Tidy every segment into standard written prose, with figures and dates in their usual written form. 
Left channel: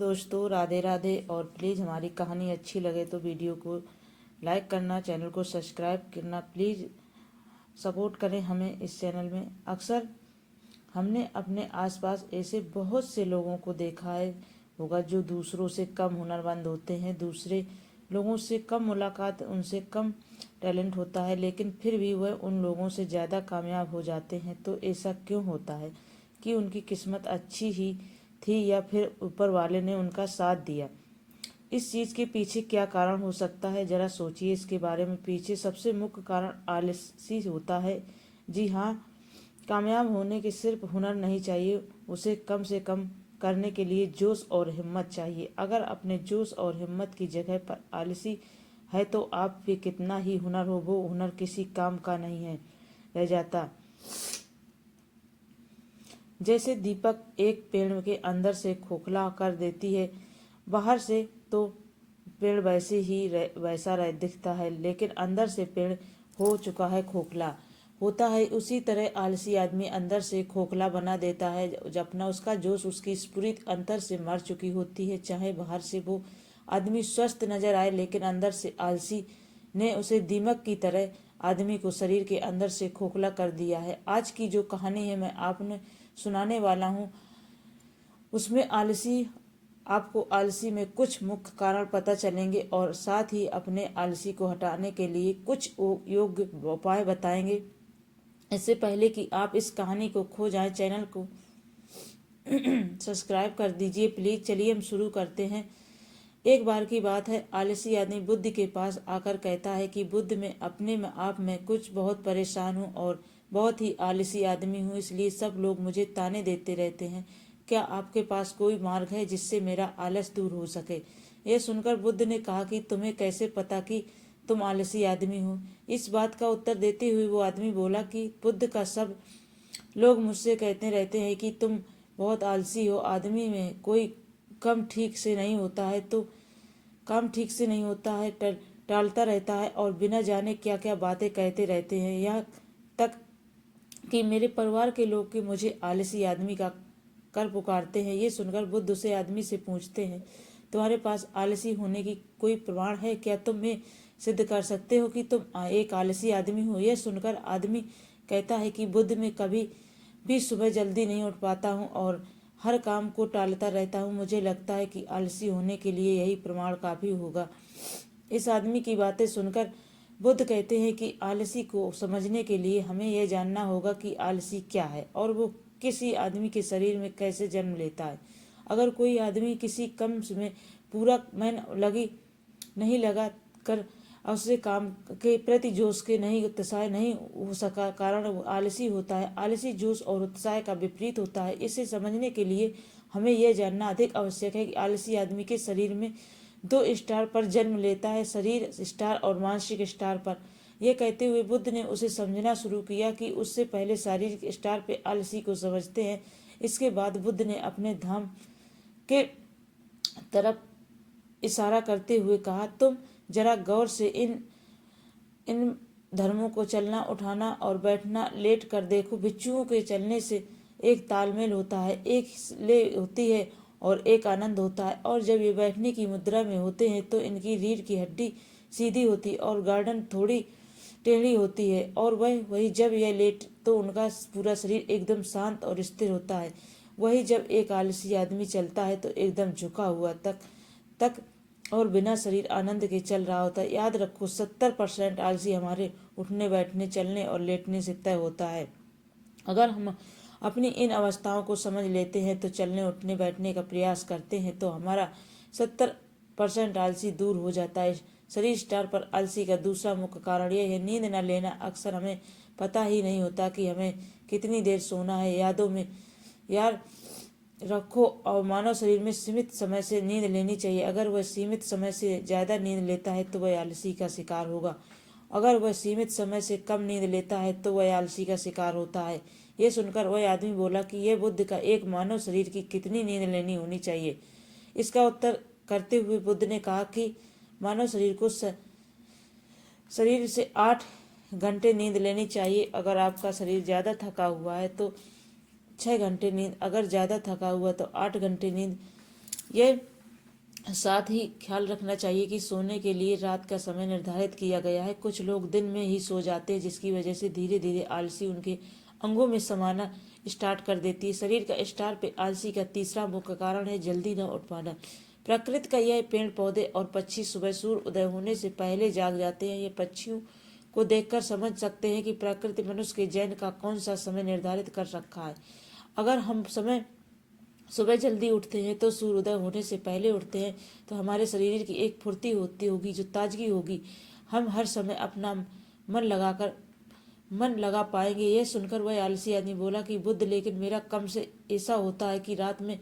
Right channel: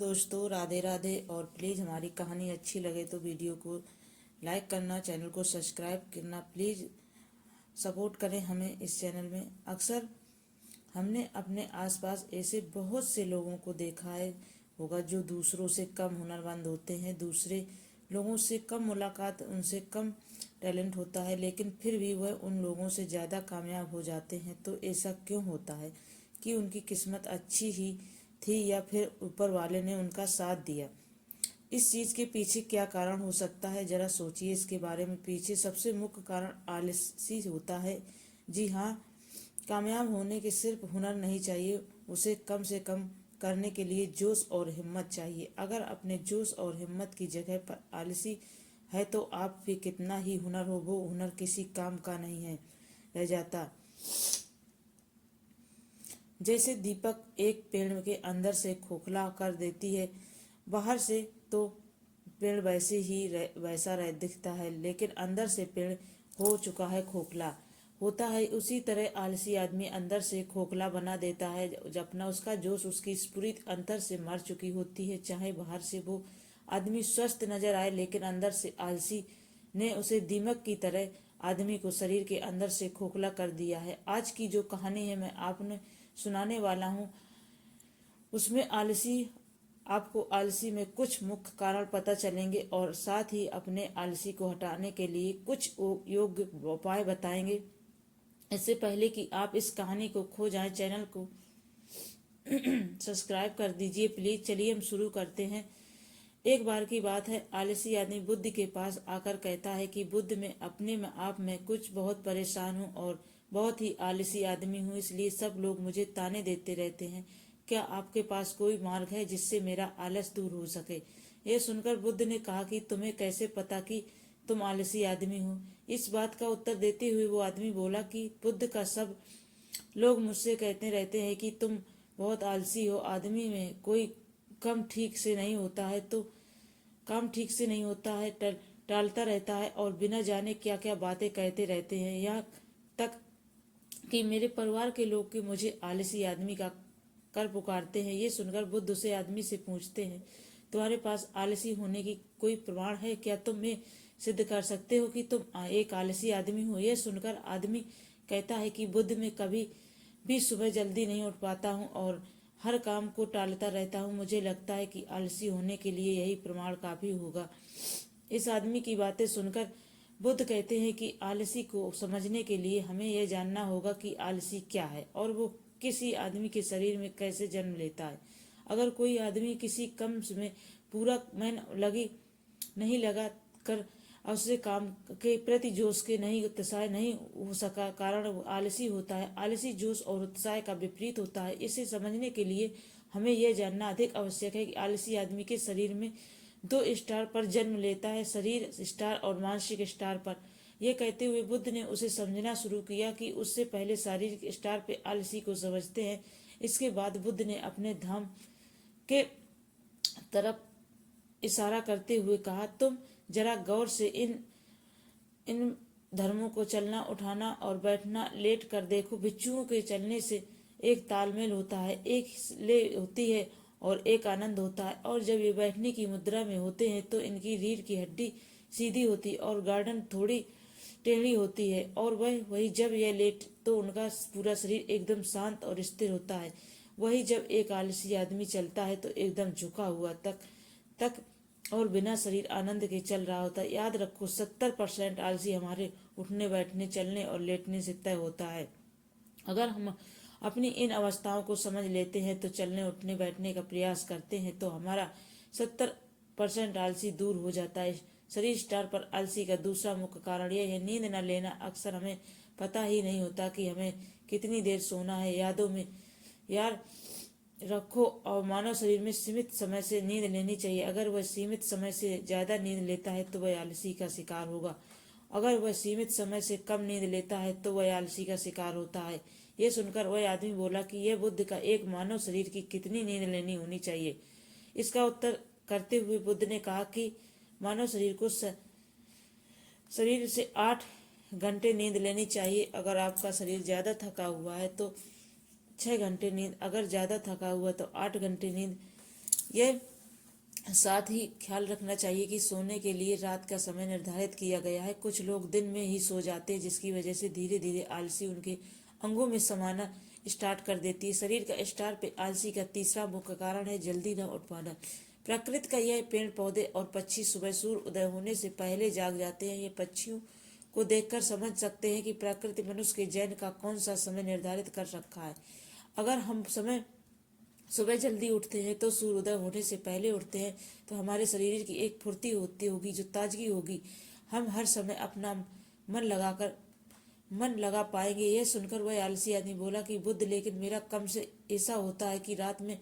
दोस्तों, राधे राधे। और प्लीज़ हमारी कहानी अच्छी लगे तो वीडियो को लाइक करना, चैनल को सब्सक्राइब करना, प्लीज़ सपोर्ट करें हमें इस चैनल में। अक्सर हमने अपने आसपास ऐसे बहुत से लोगों को देखा है होगा जो दूसरों से कम हुनरमंद होते हैं, दूसरे लोगों से कम मुलाकात, उनसे कम टैलेंट होता है, लेकिन फिर भी वह उन लोगों से ज़्यादा कामयाब हो जाते हैं। तो ऐसा क्यों होता है? कि उनकी किस्मत अच्छी ही थी या फिर ऊपर वाले ने उनका साथ दिया? इस चीज़ के पीछे क्या कारण हो सकता है, जरा सोचिए इसके बारे में। पीछे सबसे मुख्य कारण आलसी होता है। जी हाँ, कामयाब होने के सिर्फ हुनर नहीं चाहिए, उसे कम से कम करने के लिए जोश और हिम्मत चाहिए। अगर अपने जोश और हिम्मत की जगह पर आलसी है तो आप पे कितना ही हुनर हो, वो हुनर किसी काम का नहीं है रह जाता। जैसे दीपक एक पेड़ के अंदर से खोखला कर देती है, बाहर से तो पेड़ वैसा दिखता है, लेकिन अंदर से पेड़ हो चुका है खोखला होता है। उसी तरह आलसी आदमी अंदर से खोखला बना देता है जब अपना उसका जोश, उसकी स्फुरित अंतर से मर चुकी होती है। चाहे बाहर से वो आदमी स्वस्थ नजर आए, लेकिन अंदर से आलसी ने उसे दीमक की तरह आदमी को शरीर के अंदर से खोखला कर दिया है। आज की जो कहानी है मैं आपने सुनाने वाला हूँ, उसमें आपको आलसी में कुछ मुख्य कारण पता चलेंगे और साथ ही अपने आलसी को हटाने के लिए कुछ योग्य उपाय बताएंगे। इससे पहले कि आप इस कहानी को खो जाएं, चैनल को सब्सक्राइब कर दीजिए प्लीज। चलिए हम शुरू करते हैं। एक बार की बात है, आलसी आदमी बुद्ध के पास आकर कहता है कि बुद्ध, मैं अपने में आप में कुछ बहुत परेशान हूँ और बहुत ही आलसी आदमी हूँ, इसलिए सब लोग मुझे ताने देते रहते हैं। क्या आपके पास कोई मार्ग है जिससे मेरा आलस दूर हो सके? यह सुनकर बुद्ध ने कहा कि तुम्हें कैसे पता कि तुम आलसी आदमी हो? इस बात का उत्तर देते हुए वो आदमी बोला कि बुद्ध का सब लोग मुझसे कहते रहते हैं कि तुम बहुत आलसी हो। आदमी में कोई काम ठीक से नहीं होता है तो टालता रहता है और बिना जाने क्या क्या बातें कहते रहते हैं। यहाँ तक कि मेरे परिवार के लोग कि मुझे आलसी आदमी का कर पुकारते हैं। ये सुनकर बुद्ध उसे आदमी से पूछते हैं, तुम्हारे पास आलसी होने की कोई प्रमाण है? क्या तुम में सिद्ध कर सकते हो कि तुम एक आलसी आदमी हो? यह सुनकर आदमी कहता है कि बुद्ध, मैं कभी भी सुबह जल्दी नहीं उठ पाता हूँ और हर काम को टालता रहता हूँ। मुझे लगता है कि आलसी होने के लिए यही प्रमाण काफी होगा। इस आदमी की बातें सुनकर बुद्ध कहते हैं कि आलसी को समझने के लिए हमें यह जानना होगा कि आलसी क्या है और वो किसी आदमी के शरीर में कैसे जन्म लेता है। अगर कोई आदमी किसी कम में पूरा मन नहीं लगा कर उससे काम के प्रति जोश के नहीं उत्साह नहीं हो सका, कारण वो आलसी होता है। आलसी जोश और उत्साह का विपरीत होता है। इसे समझने के लिए हमें यह जानना अधिक आवश्यक है कि आलसी आदमी के शरीर में दो स्टार पर जन्म लेता है, शरीर स्टार और मानसिक स्टार पर। यह कहते हुए बुद्ध ने उसे समझना शुरू किया कि उससे पहले शारीरिक स्टार पे आलसी को समझते हैं। इसके बाद बुद्ध ने अपने धाम के तरफ इशारा करते हुए कहा, तुम जरा गौर से इन धर्मों को चलना, उठाना और बैठना लेट कर देखो। भिक्षुओं के चलने से एक तालमेल होता है, एक ले होती है और एक आनंद होता है। और जब ये बैठने की मुद्रा में होते हैं तो इनकी रीढ़ की हड्डी सीधी होती है और गर्दन थोड़ी टेढ़ी होती है। और वही जब यह लेट तो उनका पूरा शरीर एकदम शांत और स्थिर होता है। वही जब एक आलसी आदमी चलता है तो एकदम झुका हुआ तक और बिना शरीर आनंद के चल रहा होता है। याद रखो, 70% आलसी हमारे उठने, बैठने, चलने और लेटने से तय होता है। अगर हम अपनी इन अवस्थाओं को समझ लेते हैं तो चलने, उठने, बैठने का प्रयास करते हैं तो हमारा 70% आलसी दूर हो जाता है। शरीर स्टार पर आलसी का दूसरा मुख्य कारण यह है नींद न लेना। अक्सर हमें पता ही नहीं होता कि हमें कितनी देर सोना है। यादों में याद रखो और मानव शरीर में सीमित समय से नींद लेनी चाहिए। अगर वह सीमित समय से ज्यादा नींद लेता है तो वह आलसी का शिकार होगा। अगर वह सीमित समय से कम नींद लेता है तो वह आलसी का शिकार होता है। यह सुनकर वह आदमी बोला कि यह बुद्ध का एक मानव शरीर की कितनी नींद लेनी होनी चाहिए? इसका उत्तर करते हुए बुद्ध ने कहा कि मानव शरीर को शरीर से 8 घंटे नींद लेनी चाहिए। अगर आपका शरीर ज्यादा थका हुआ है तो 6 घंटे नींद, अगर ज्यादा थका हुआ तो 8 घंटे नींद यह साथ ही ख्याल रखना चाहिए कि सोने के लिए रात का समय निर्धारित किया गया है। कुछ लोग दिन में ही सो जाते हैं, जिसकी वजह से धीरे धीरे आलसी उनके अंगों में समाना स्टार्ट कर देती है। शरीर का स्टार पे आलसी का तीसरा मुख्य कारण है जल्दी न उठ पाना। प्रकृति का यह पेड़ पौधे और पक्षी सुबह सूर्य उदय होने से पहले जाग जाते हैं। ये पक्षियों को देखकर समझ सकते हैं कि प्रकृति मनुष्य के जैन का कौन सा समय निर्धारित कर रखा है। अगर हम समय सुबह जल्दी उठते हैं तो सूर्योदय होने से पहले उठते हैं तो हमारे शरीर की एक फुर्ती होती होगी, जो ताजगी होगी। हम हर समय अपना मन लगा पाएंगे। यह सुनकर वह आलसी आदमी बोला कि बुद्ध, लेकिन मेरा कम से ऐसा होता है कि रात में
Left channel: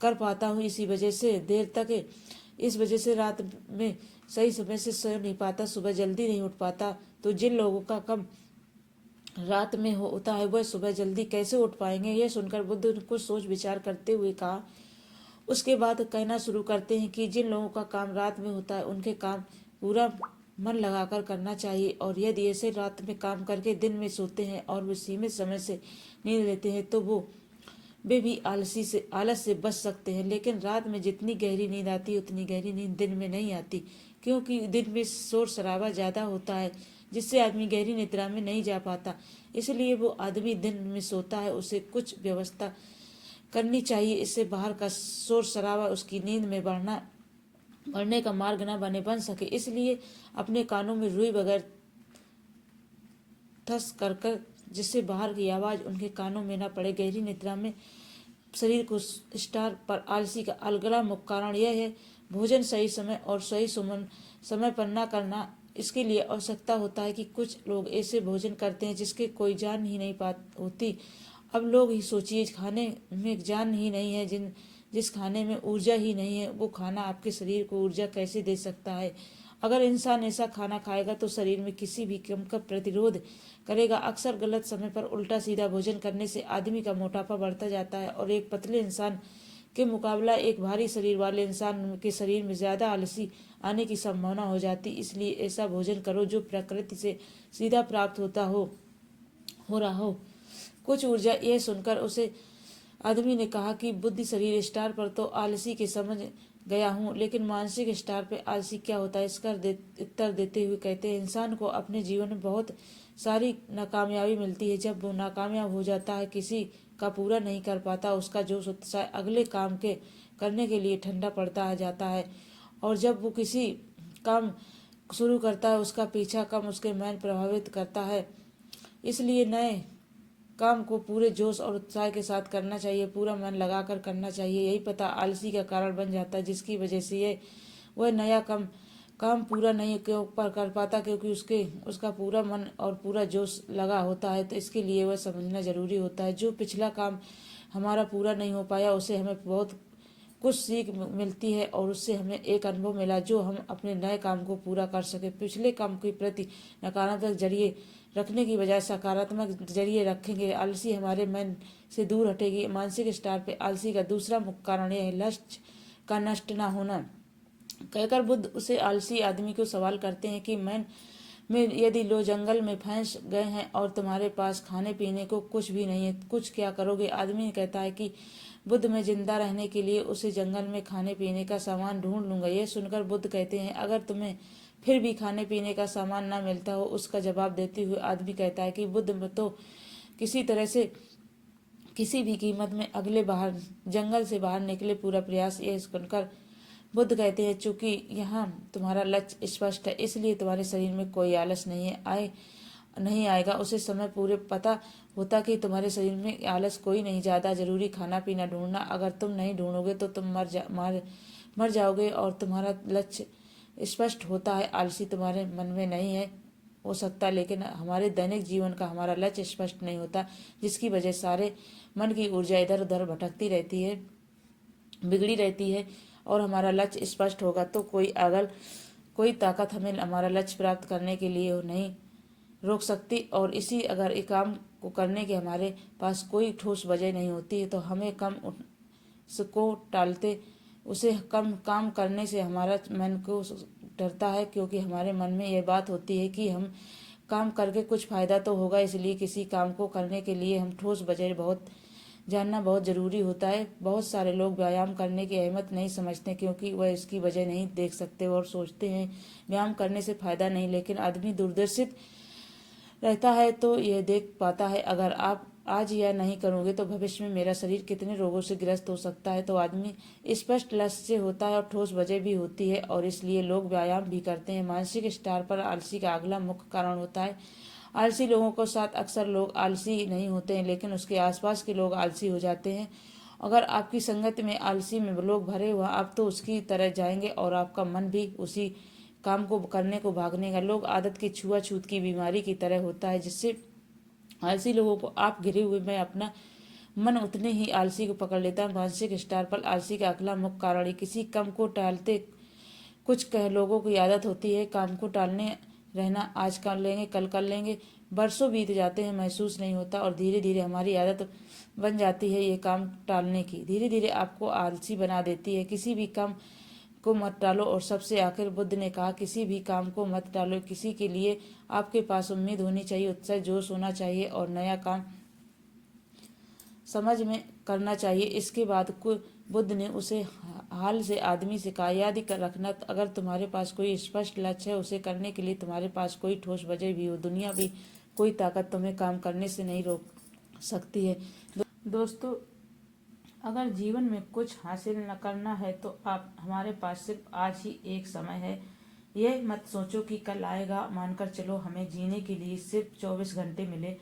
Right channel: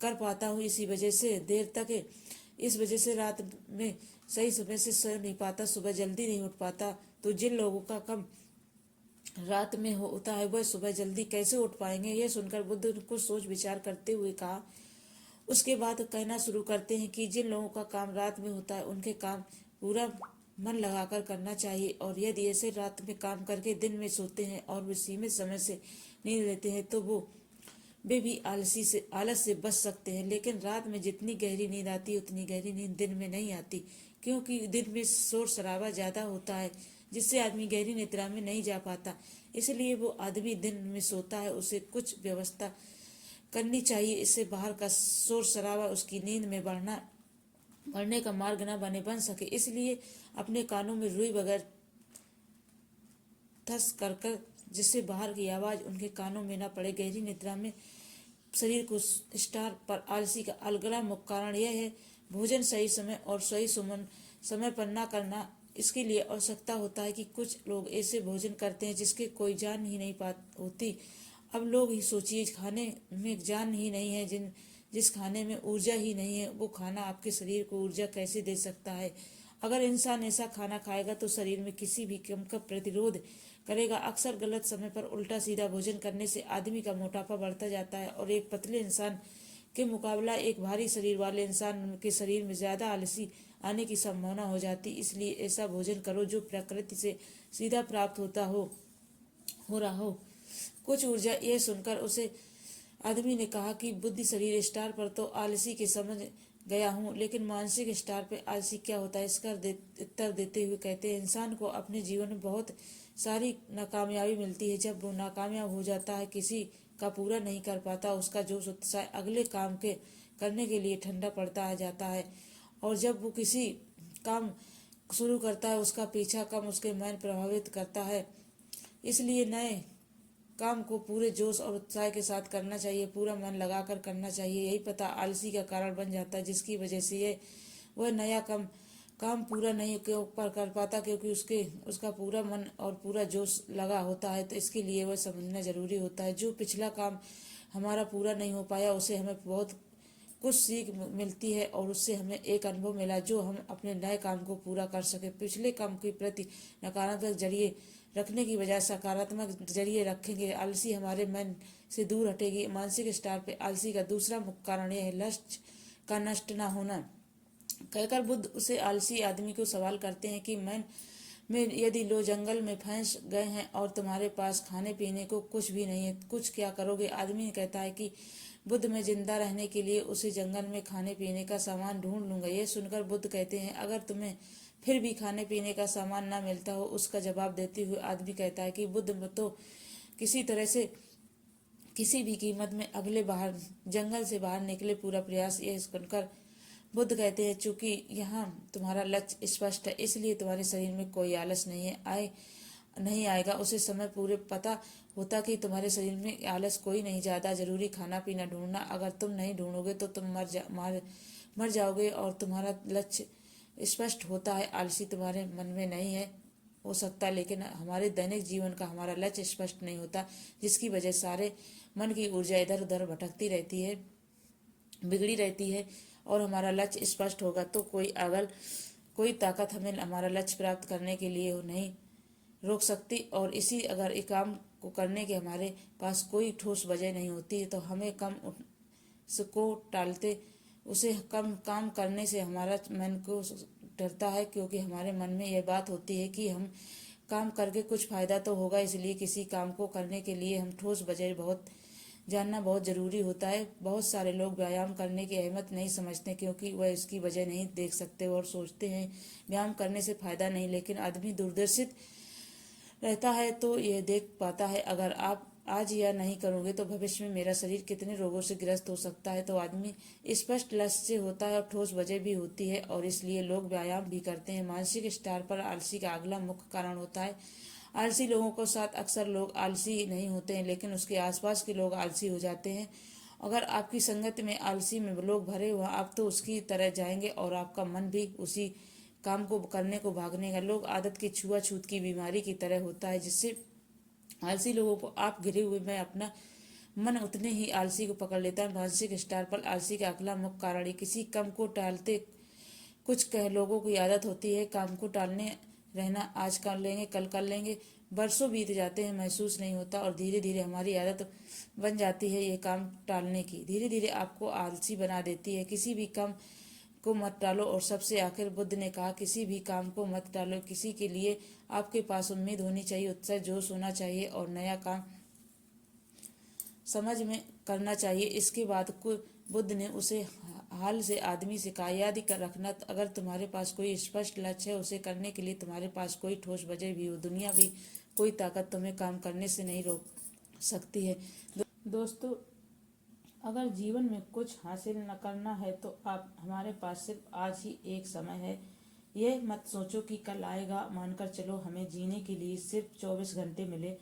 कर पाता हूँ, इस वजह से रात में सही समय से सो नहीं पाता, सुबह जल्दी नहीं उठ पाता। तो जिन लोगों का कम रात में होता है वह सुबह जल्दी कैसे उठ पाएंगे? यह सुनकर बुद्ध ने कुछ सोच विचार करते हुए कहा। उसके बाद कहना शुरू करते हैं कि जिन लोगों का काम रात में होता है उनके काम पूरा मन लगाकर करना चाहिए, और यदि ऐसे रात में काम करके दिन में सोते हैं और वो सीमित समय से नींद लेते हैं तो वे भी आलस से बच सकते हैं। लेकिन रात में जितनी गहरी नींद आती है उतनी गहरी नींद दिन में नहीं आती, क्योंकि दिन में शोर शराबा ज्यादा होता है, जिससे आदमी गहरी निद्रा में नहीं जा पाता। इसलिए वो आदमी दिन में सोता है, उसे कुछ व्यवस्था करनी चाहिए, इससे बाहर का शोर शराबा उसकी नींद में बढ़ने का मार्ग न बन सके। इसलिए अपने कानों में रुई बगैर थस कर जिससे बाहर की आवाज उनके कानों में न पड़े। गहरी निद्रा में शरीर को स्टार पर आलसी का अगला मुख्य कारण यह है भोजन सही समय और सही समय पर न करना। इसके लिए आवश्यकता होता है कि कुछ लोग ऐसे भोजन करते हैं जिसके कोई जान ही नहीं होती। अब लोग ही सोचिए, खाने में जान ही नहीं है, जिस खाने में ऊर्जा ही नहीं है, वो खाना आपके शरीर को ऊर्जा कैसे दे सकता है? अगर इंसान ऐसा खाना खाएगा तो शरीर में किसी भी किस्म का प्रतिरोध करेगा। अक्सर गलत समय पर उल्टा सीधा भोजन करने से आदमी का मोटापा बढ़ता जाता है, और एक पतले इंसान के मुकाबला एक भारी शरीर वाले इंसान के शरीर में ज्यादा आलसी आने की संभावना हो जाती। इसलिए ऐसा भोजन करो जो प्रकृति से सीधा प्राप्त हो रहा हो कुछ ऊर्जा। यह सुनकर उसे आदमी ने कहा कि बुद्धि शरीर स्टार पर तो आलसी के समझ गया हूँ, लेकिन मानसिक स्टार पे आलसी क्या होता है? इसका उत्तर देते हुए कहते हैं, इंसान को अपने जीवन में बहुत सारी नाकामयाबी मिलती है। जब वो नाकामयाब हो जाता है, किसी का पूरा नहीं कर पाता, उसका जोश उत्साह अगले काम के करने के लिए ठंडा पड़ता जाता है, और जब वो किसी काम शुरू करता है उसका पीछा कम उसके मन प्रभावित करता है। इसलिए नए काम को पूरे जोश और उत्साह के साथ करना चाहिए, पूरा मन लगाकर करना चाहिए। यही पता आलसी का कारण बन जाता है, जिसकी वजह से वह नया काम पूरा नहीं कर पाता, क्योंकि उसका पूरा मन और पूरा जोश लगा होता है। तो इसके लिए वह समझना जरूरी होता है, जो पिछला काम हमारा पूरा नहीं हो पाया उसे हमें बहुत कुछ सीख मिलती है, और उससे हमें एक अनुभव मिला जो हम अपने नए काम को पूरा कर सके। पिछले काम के प्रति नकारात्मक जरिए रखने की बजाय सकारात्मक जरिए रखेंगे, आलसी हमारे मन से दूर हटेगी। मानसिक स्टार पे आलसी का दूसरा मुख्य कारण यह है लक्ष्य का नष्ट न होना। कहकर बुद्ध उसे आलसी आदमी को सवाल करते हैं कि मैं यदि लो जंगल में फंस गए हैं और तुम्हारे पास खाने पीने को कुछ भी नहीं है, कुछ क्या करोगे? आदमी कहता है कि बुद्ध, मैं जिंदा रहने के लिए उसे जंगल में खाने पीने का सामान ढूंढ लूंगा। यह सुनकर बुद्ध कहते हैं, अगर तुम्हें फिर भी खाने पीने का सामान न मिलता हो? उसका जवाब देते हुए आदमी कहता है कि बुद्ध, तो किसी तरह से किसी भी कीमत में जंगल से बाहर निकले पूरा प्रयास। यह सुनकर बुद्ध कहते हैं, चूंकि यहाँ तुम्हारा लक्ष्य स्पष्ट है, इसलिए तुम्हारे शरीर में कोई आलस नहीं आएगा। उसे समय पूरे पता होता कि तुम्हारे शरीर में आलस कोई नहीं, ज्यादा जरूरी खाना पीना ढूंढना। अगर तुम नहीं ढूंढोगे तो तुम मर जाओगे, और तुम्हारा लक्ष्य स्पष्ट होता है। आलसी तुम्हारे मन में नहीं है हो सकता, लेकिन हमारे दैनिक जीवन का हमारा लक्ष्य स्पष्ट नहीं होता, जिसकी वजह सारे मन की ऊर्जा इधर उधर भटकती रहती है, बिगड़ी रहती है। और हमारा लक्ष्य स्पष्ट होगा तो कोई ताकत हमें हमारा लक्ष्य प्राप्त करने के लिए नहीं रोक सकती। और इसी अगर एक काम को करने के हमारे पास कोई ठोस वजह नहीं होती है तो हमें को टालते उसे कम काम करने से हमारा मन को डरता है, क्योंकि हमारे मन में यह बात होती है कि हम काम करके कुछ फायदा तो होगा, इसलिए किसी काम को करने के लिए हम ठोस वजह बहुत जानना बहुत ज़रूरी होता है। बहुत सारे लोग व्यायाम करने की अहमियत नहीं समझते क्योंकि वह इसकी वजह नहीं देख सकते और सोचते हैं व्यायाम करने से फ़ायदा नहीं। लेकिन आदमी दूरदर्शित रहता है तो यह देख पाता है अगर आप आज यह नहीं करोगे तो भविष्य में मेरा शरीर कितने रोगों से ग्रस्त हो सकता है। तो आदमी स्पष्ट लक्ष्य से होता है और ठोस वजह भी होती है और इसलिए लोग व्यायाम भी करते हैं। मानसिक स्तर पर आलसी का अगला मुख्य कारण होता है आलसी लोगों के साथ अक्सर लोग आलसी नहीं होते हैं लेकिन उसके आसपास के लोग आलसी हो जाते हैं। अगर आपकी संगत में आलसी में लोग भरे हुआ आप तो उसकी तरह जाएंगे और आपका मन भी उसी काम को करने को भागने का। लोग आदत की छुआछूत की बीमारी की तरह होता है जिससे आलसी लोगों को आप घिरे हुए में अपना मन उतने ही आलसी को पकड़ लेता है। मानसिक स्तर पर आलसी का अगला मुख्य कारण है किसी काम को टालते। कुछ कह लोगों की आदत होती है काम को टालने रहना, आज कर लेंगे कल कर लेंगे। बरसों बीत जाते हैं महसूस नहीं होता और धीरे धीरे हमारी आदत बन जाती है ये काम टालने की। धीरे धीरे आपको आलसी बना देती है। किसी भी काम को मत टालो। और सबसे आखिर बुद्ध ने कहा किसी भी काम को मत टालो। किसी के लिए आपके पास उम्मीद होनी चाहिए, उत्साह जोश होना चाहिए और नया काम समझ में करना चाहिए। इसके बाद बुद्ध ने उसे हाल से आदमी से कहा याद रखना अगर तुम्हारे पास कोई स्पष्ट लक्ष्य है उसे करने के लिए तुम्हारे पास कोई ठोस वजह भी हो दुनिया भी कोई ताकत तुम्हें काम करने से नहीं रोक सकती है। दोस्तों, अगर जीवन में कुछ हासिल न करना है तो आप हमारे पास सिर्फ आज ही एक समय है। यह मत सोचो कि कल आएगा। मानकर चलो हमें जीने के लिए सिर्फ 24 घंटे मिले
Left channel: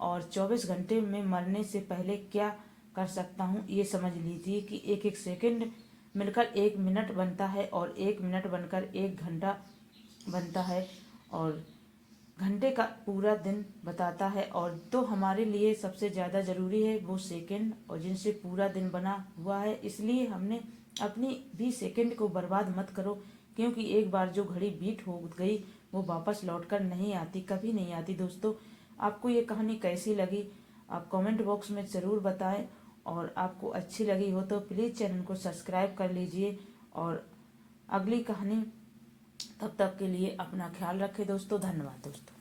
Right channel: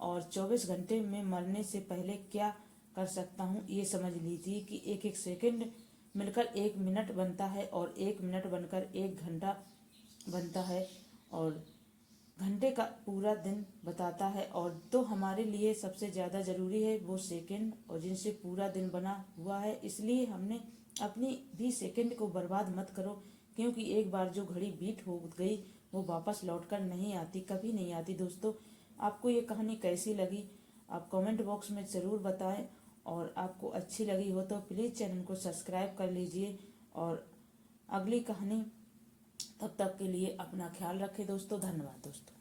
और 24 घंटे में मरने से पहले क्या कर सकता हूँ ये समझ लीजिए कि एक एक सेकंड मिलकर एक मिनट बनता है और एक मिनट बनकर एक घंटा बनता है और घंटे का पूरा दिन बताता है। और तो हमारे लिए सबसे ज़्यादा ज़रूरी है वो सेकंड और जिनसे पूरा दिन बना हुआ है। इसलिए हमने अपनी भी सेकंड को बर्बाद मत करो क्योंकि एक बार जो घड़ी बीत हो गई वो वापस लौटकर नहीं आती, कभी नहीं आती। दोस्तों, आपको ये कहानी कैसी लगी आप कमेंट बॉक्स में ज़रूर बताएं और आपको अच्छी लगी हो तो प्लीज़ चैनल को सब्सक्राइब कर लीजिए। और अगली कहानी तब तक के लिए अपना ख्याल रखें दोस्तों। धन्यवाद दोस्तों।